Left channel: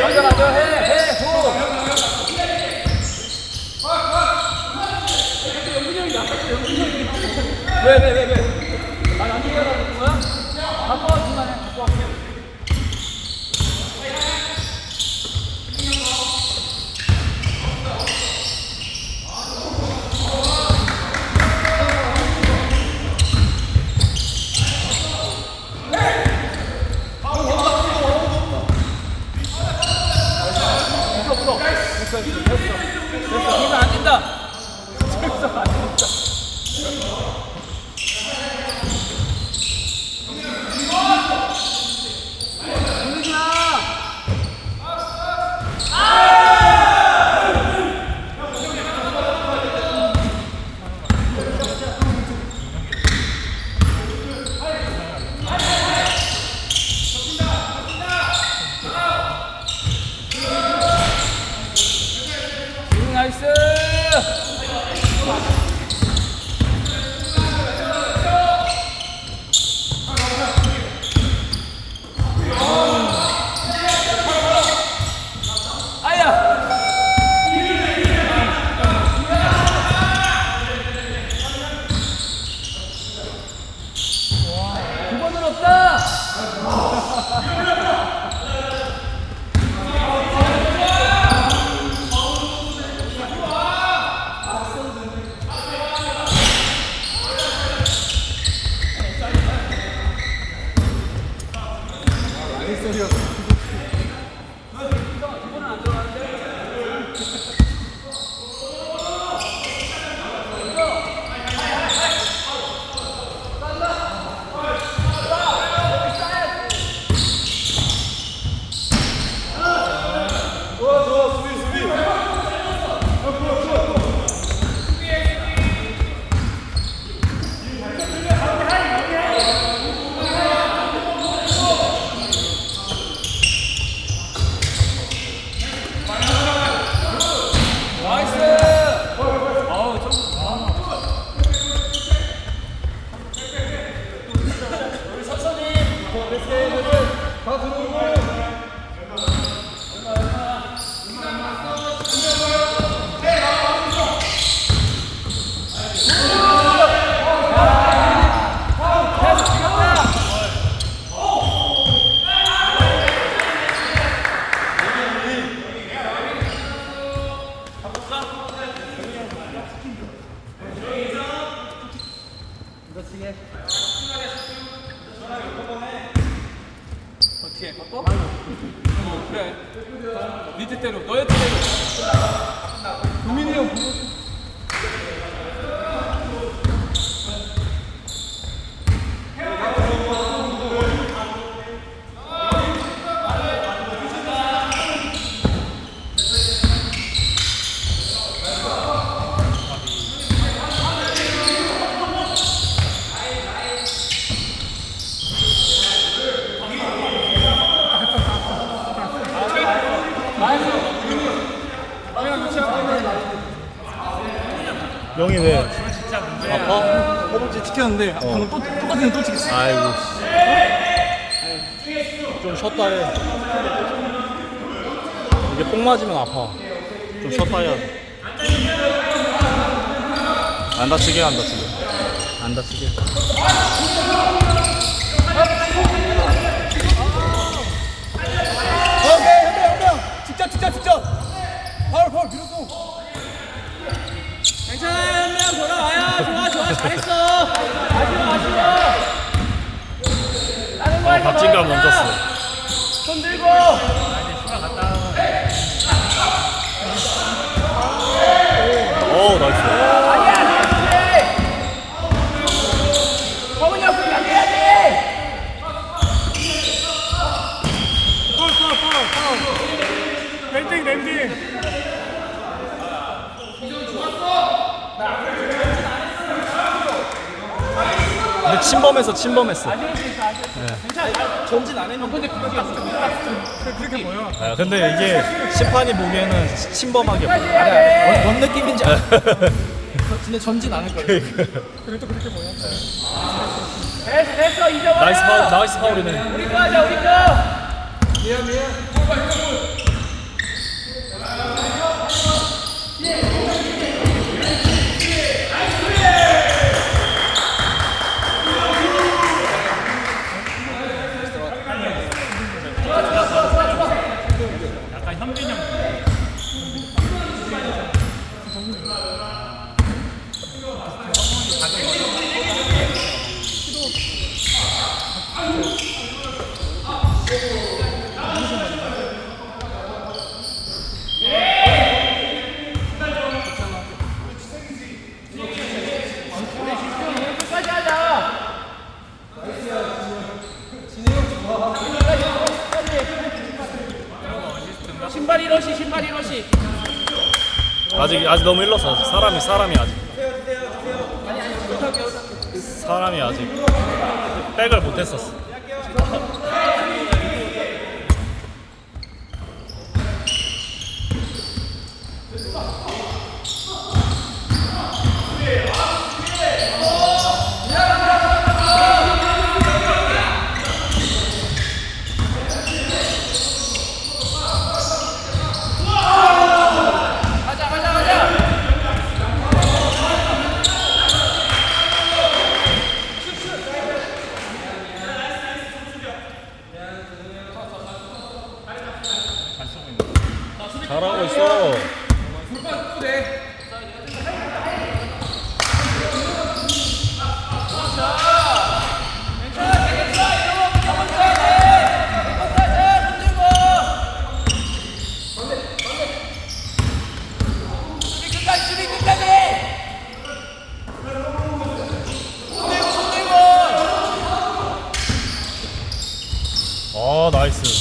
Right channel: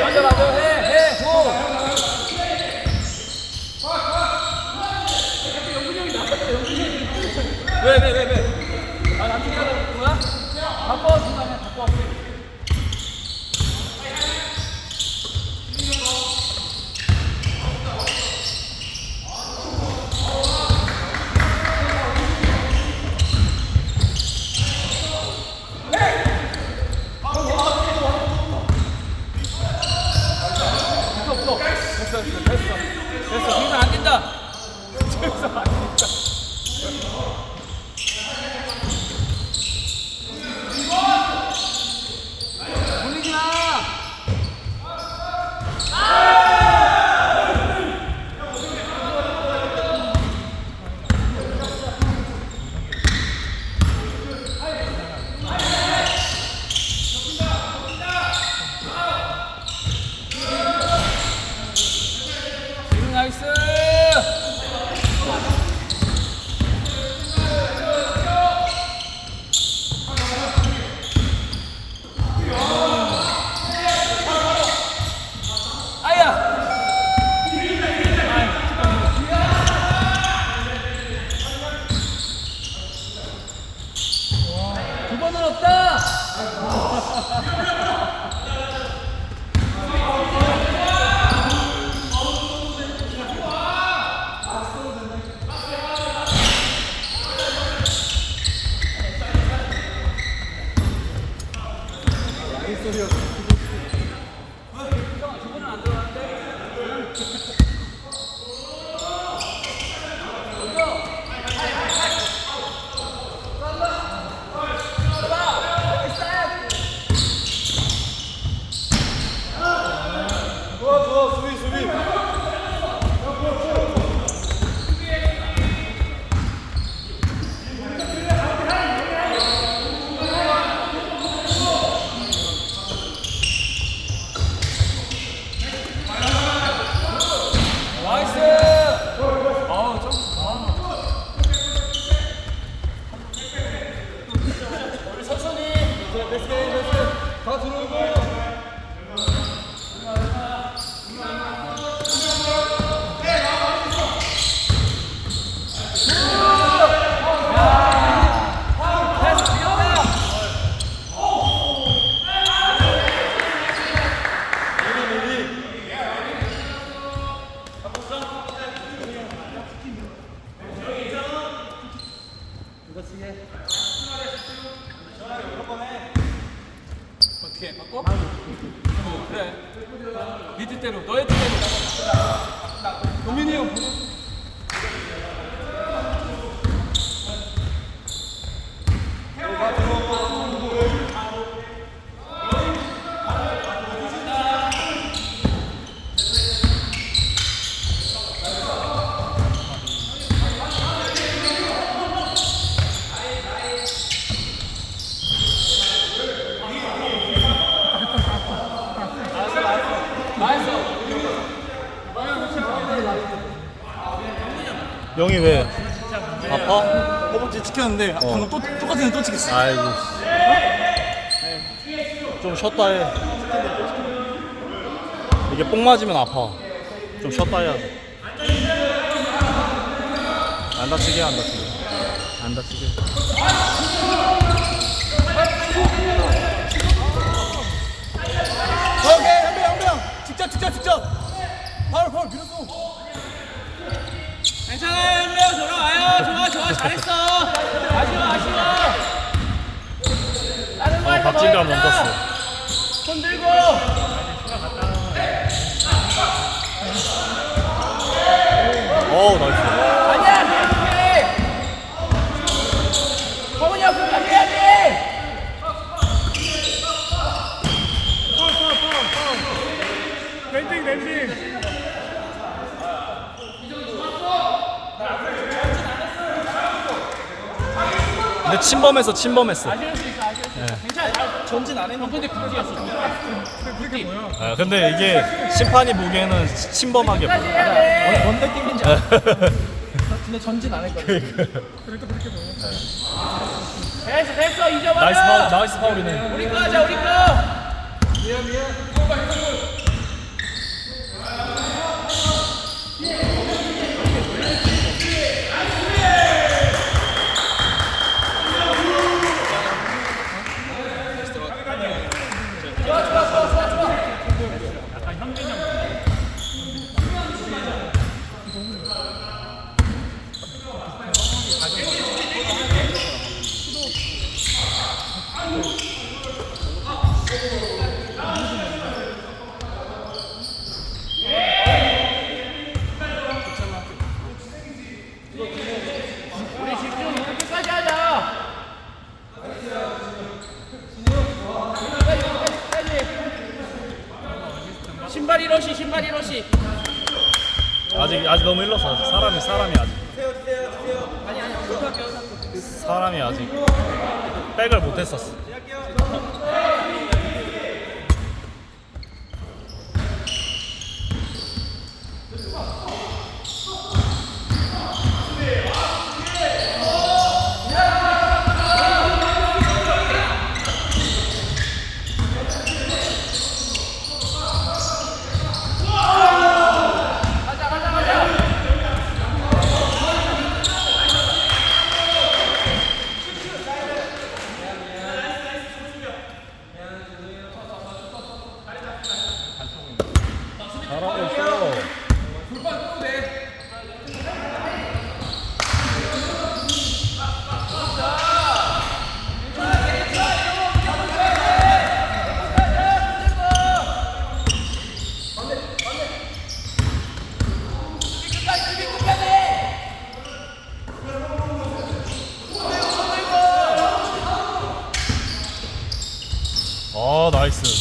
맞아 맞아 줘. 왜왜 왜 왜? 뜻대로 너의 뜻대로. 고민이 형 영이 왜? 아파? 허벅지 찍혔는데 방금 또 똑같은 데또 찍혔어 아이고. 좀 쉬었다 해. 이게 뽕 맞으면 아파. 좀 쉬었다 해야 돼. 안 다치게 안 다치게. 안 다치게. 직접 직접 직접. 파울 파울 밀었어. 괜찮아요 한명 돌아와요. 좋아 좋아 잘했어. 마시고 마시고. 아, 박진감 넘겼어. 손 들고. 어, 나이스. 성훈이 형 그렇게 해야 근데 침범했어, 침범했어. 전진 안 했는데 근데 그렇게 그렇게 보여 아, 근데 이게 심판이 보기에는 침범하게 보여. 뭔, 뭔 느낌인지 알아. 근데 전진 안 했거든. 그래도 그렇게 보여 잊어버려. 나이스 파울, 나이스 파울이네. 우리 거 하자 우리 거. 신발이 러시 신발이 러시 아직 아직 너무 일렀어. 사람이 사람이 아직. 사람이 아직 백을 못 했었어. 잘하고 있어. 아 나이스.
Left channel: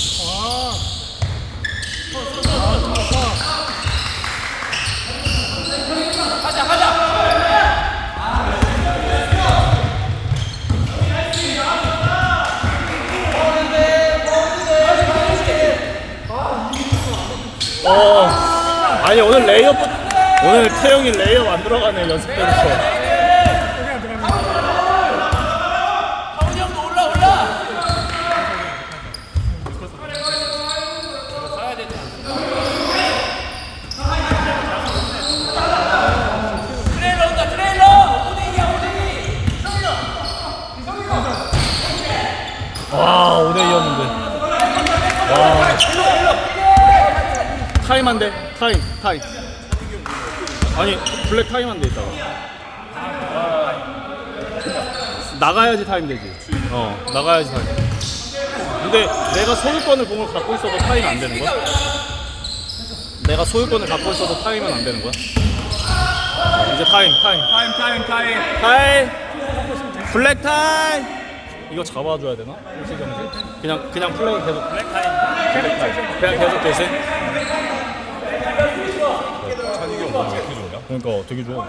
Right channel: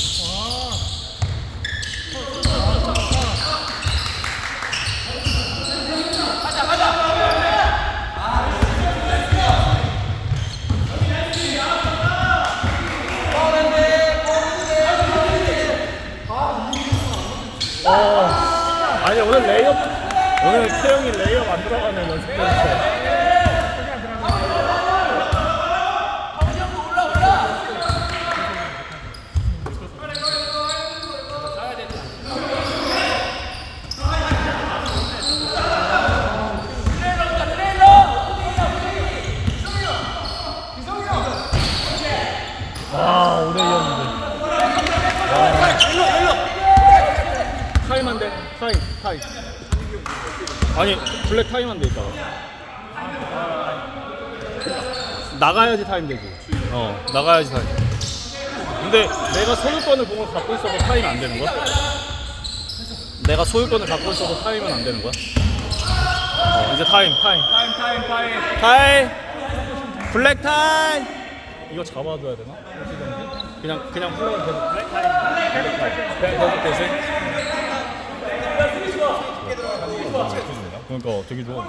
어. 아니 오늘 레이업 오늘 태영이 레이업 안 들어가네 연습 때부터. 아 5대 2였는데. 타임 타임. 아니 블랙 타임한데 있다가. 나가야지 타임 되지. 어 나가야지 타임. 근데 내가 소유권을 공을 갖고 있어도 타임 안 되는 거야? 내가 소유권을 갖고 있어도 타임은 안 되는 거야? 어, 이제 타임 타임. 타임 타임 타임. 타임 블랙 타임 이거 잡아줘야 되나? 일시 정지? 그냥 그냥 플레이 계속 블랙 타임 그냥 계속 계속 그러니까 되게 좋아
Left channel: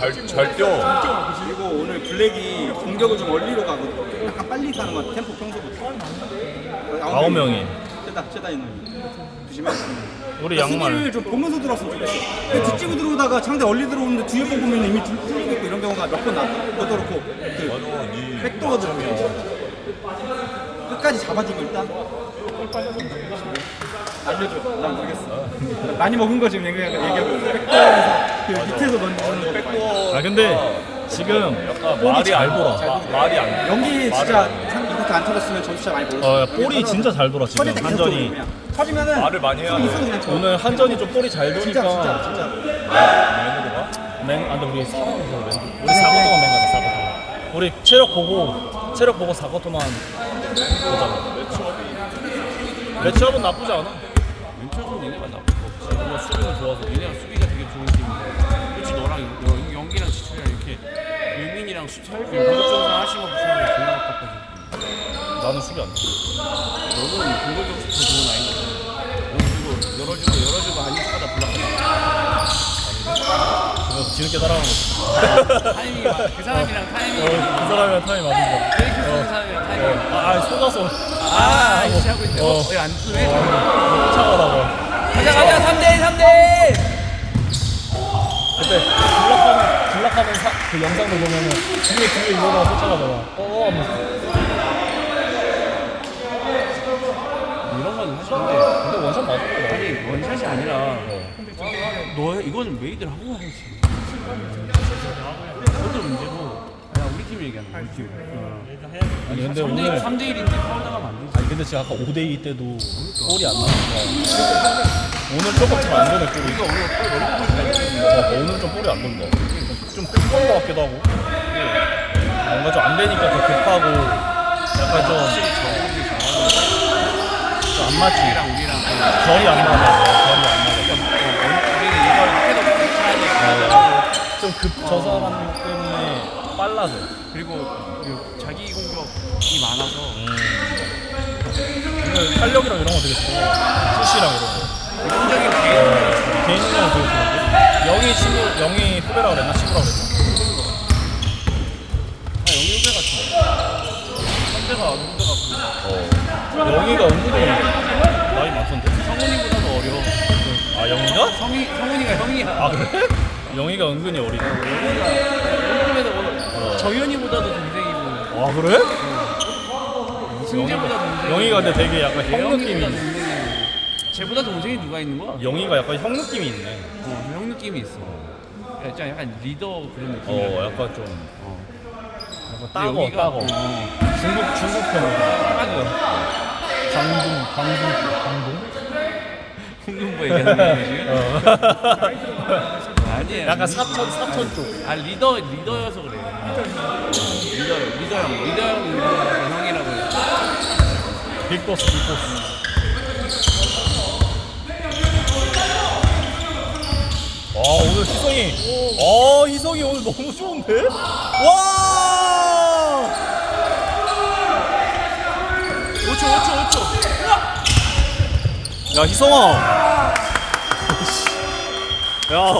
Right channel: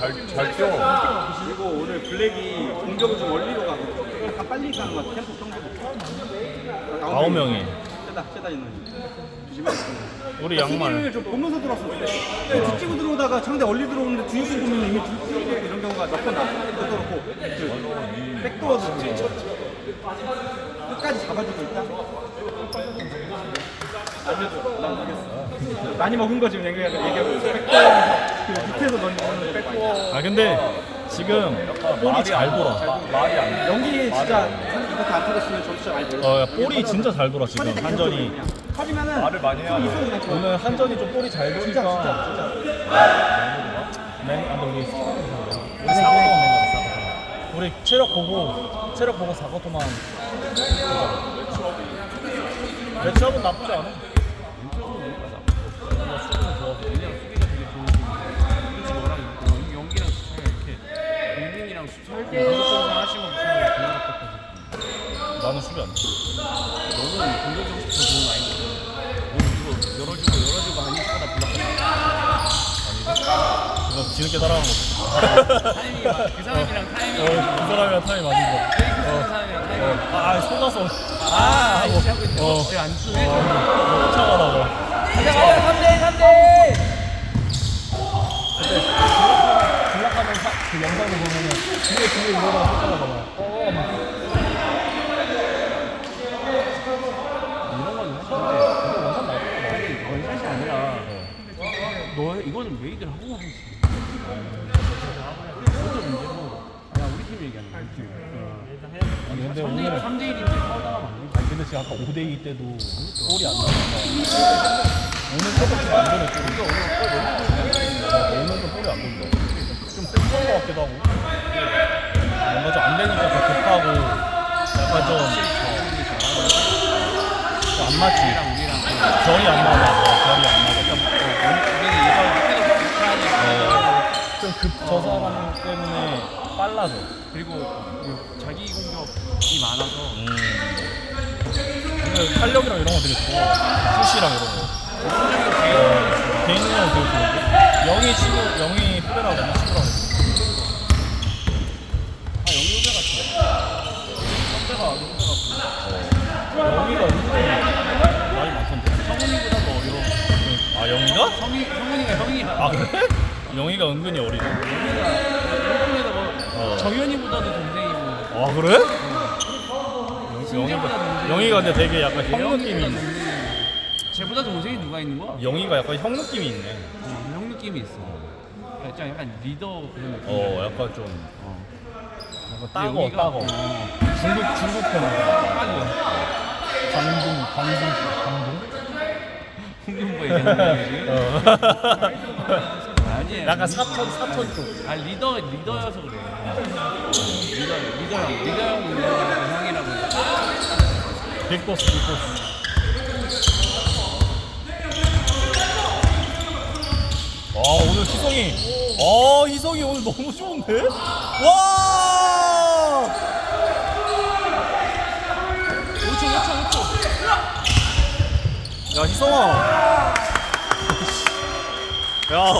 잘잘 뛰어. 그리고 오늘 블랙이 공격을 좀 원리로 가고 약간 빨리 가는 것 같아. 템포 평소보다. 아홉 명이 최다 최다 있는. 조심해. 우리 양말 수비를 좀 보면서 들어왔으면 좋겠어. 근데 뒷집고 들어오다가 상대 얼리 들어오는데 뒤에 번 보면 이미 줄 풀리고 이런 경우가 몇번 나. 그것도 그렇고 그 백도어 들으면 끝까지 잡아주고 일단. 알려줘. 난 모르겠어. 많이 먹은 거 지금 얘기하고 얘기하고 있어. 백도어에서 그 밑에서 던지는 거. 백도어. 아 근데 지금 볼이 잘 돌아 말이 안 돼. 연기 진짜 이렇게 안 터졌으면 점수 진짜 많이 벌었어. 어 야, 볼이 진짜 잘 돌아 지금 한전이 터지면은 말을 많이 해야 있어도 그냥 쳐. 오늘 한전이 좀 볼이 잘 진짜 진짜 도니까 진짜. 맹, 아, 근데 우리 4쿼터 우리 4쿼터만 맹가자 4쿼터 우리 체력 보고 체력 보고 4쿼터만 보자 매치업은 나쁘지 않아. 우리가 수비는 좋아서. 왜냐면 수비가 되게 좋은 팀 그치 너랑 너 연기랑 지창이랑 이렇게 유민이랑 수철 공격적으로 하신 거 보시면 존나 아깝거든 나는 수비 안 돼 너는 공격적으로 더 좋은 아이거든 오주고 열어주고 열어주고 아니까다 블락하자 그거 뒤늦게 따라가는 거. 타이밍이 맞- 그 사람이랑 타이밍이 어, 그 사람이랑 타임 맞은 거. 페이크 쓰는 사람이랑 타이밍이 어, 아, 아, 속아서. 아, 아이씨 하고 있네. 어. 어, 안 쓰네. 쫓아가다가. 가자, 가자, 3대 3대. 그때 블락하는 블락하는 사, 그 영상을 보면은 뒤에 뒤에 이러다가 쫓아가다가 어 하면서 이런 건 원샷인데, 근데 원샷 맞아. 근데 원샷이 아니라, 너 메이드를 하고 하지. 그것도 문제고, 그냥 우리 팀 얘기하는 거야, 우리 팀. 아니 근데 3대1, 오늘 3대 1인데 하다가 안 되지. 아니 근데 지금 아까 5대 2 때도 골이 안 나왔어 오늘 조금 좀안 도네 골이. 어, 오늘 좀 골이 안 돈대 좀 뜬것 같기도 하고. 뭔가 좀 안 되니까 더 급하고 약간 좀안 맞지. 우리랑 우리랑 그 결이 안 맞아 좀급저 사람 때문에 빨라져 그리고 그 자기 공격이 이 많아서 오늘 탄력이랑 이런 거 되게 좋아. 푸시랑 이런 거. 기본적인 개인 개인이랑 되게 좋은데. 영희 친구, 영희 후배라고 맨날 친구라고 그랬어. 어. 영희가 은근히 나이 많던데. 성훈이보다도 어려. 아 영희가? 성이 성훈이가 형이야. 아 그래? 영희가 은근히 어리다. 영훈이가 용품에서 뭐 정현이보다도 동생이고 아 그래? 승재보다 동생. 영희가 근데 되게 약간 형 예영이보다 느낌이. 동생이고. 쟤보다 동생이 누가 있는 거야? 영희가 약간 형 느낌이 있네. 어, 형 느낌이 있어. 약간 약간 리더 그런 느낌. 어 약간 좀 어. 약간 따거 영희가- 따거. 어. 중국 중국 편이야. 딱이야. 광둥 광둥 광둥. 홍준보 얘기하는 거지. 어. 아니야. 약간 사천 사천 쪽. 아 리더 리더여서 그래. 리더 리더 형 리더 형 리더 형이라고. 해. 빅보스 빅보스. 와 오늘 희성이 아 희성이 오늘 너무 좋은데? 와 5초 5초 5초. 야 희성아 야